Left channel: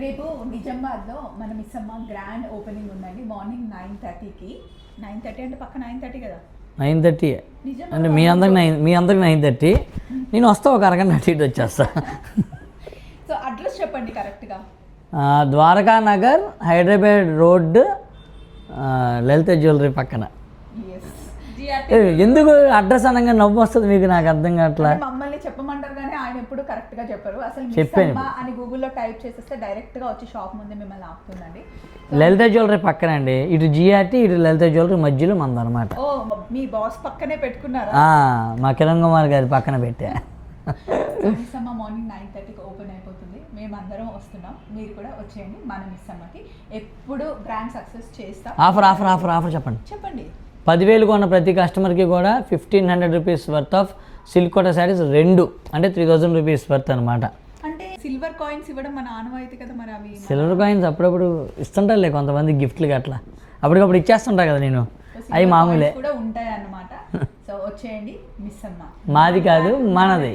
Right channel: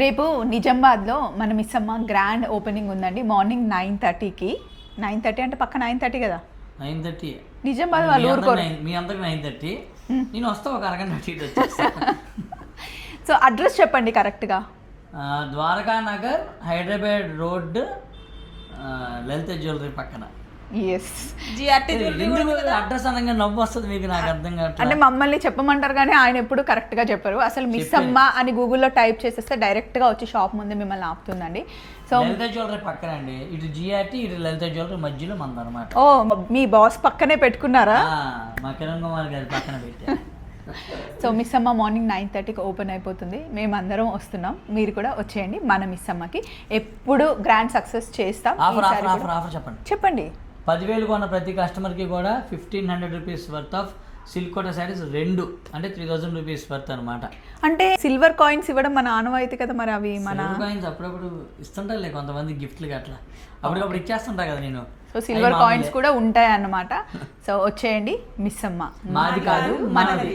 రేపు నిజామాబాద్లో మన మిస్ అమ్మ గ్రాండ్ ఓపెనింగ్ ఉందండి. మార్నింగ్ నైన్ థర్టీకి నైన్ థర్టీ అంటే పక్క నైన్ థర్టీ కదా? నైన్ థర్టీ నిజామాబాద్ మీ అందరికి నైన్ మీ అందరికి నైన్ థర్టీ నేను వస్తా ఒక అరగంట అటు ఇటు వచ్చేస్తా. సో అడ్రస్ చెప్పండి కరెక్ట్గా ద్వారకా నగర్ హైదరాబాద్ రోడ్ లలిత జ్యువెలరీ పక్కన. ఎందుకు అడ్రస్ అనగా నవ్వు వస్తుంది మీకు నాకు అర్థం కావట్లా? అంటే మమ్మల్ని చెప్పమంటారు కానీ ఆయన ఎప్పుడు కరెక్ట్గా చెప్పరు. అసలు మిస్ అమ్మ అని గూగుల్లో టైప్ చేసేస్తే డైరెక్ట్గా వచ్చి షాప్ ముందు మిమ్మల్ని ఆపుతుందండి. సో లలిత జ్యువెలరీ పక్కన అండి ఇటు జిఆర్టీ ఇటు లలిత జ్యువెలరీ మధ్యలో మందనమాట. ఓ మీ బాస్ పక్కనే పెట్టుకున్నారా? మా కిరణ్ కుమార్ గారి పక్కన పెట్టా. So Miss Amma morning nine థర్టీకి ఓపెన్ అయిపోతుంది. మేమందరం వస్తున్నాం. మీరు కూడా వచ్చేయండి మన మిస్ అమ్మకి. ఎప్పుడు గ్రాండ్ సక్సెస్ చేస్తాం. ఆఫర్ ఆఫర్ ఆఫర్ ఆఫర్ చెప్పండి. చెప్పండి. పదివేలు కొన్న ప్రతి కస్టమర్కి కూడా fifteen hundred rupees worth of silk Kota saris రెండు అంటే త్రీ థౌజండ్ రూపీస్ వర్త్ అనమాట అంటే సిల్వర్ కాయిన్స్ ఇవ్వడం మన ఆనవాయితీ కదా మరి అవి సిల్వర్ కాయిన్స్ అప్పుడప్పుడు ఇస్తుంటారులే కొంతమంది గిఫ్ట్లు అట్లా అప్పటికప్పుడు ఇచ్చేస్తుంటా కదా నేను. సిల్వర్ కాయిన్స్ కూడా ఉంటాయి అన్నమాట సో వచ్చేయండి మిస్ అమ్మ. మాది కాదు మనది.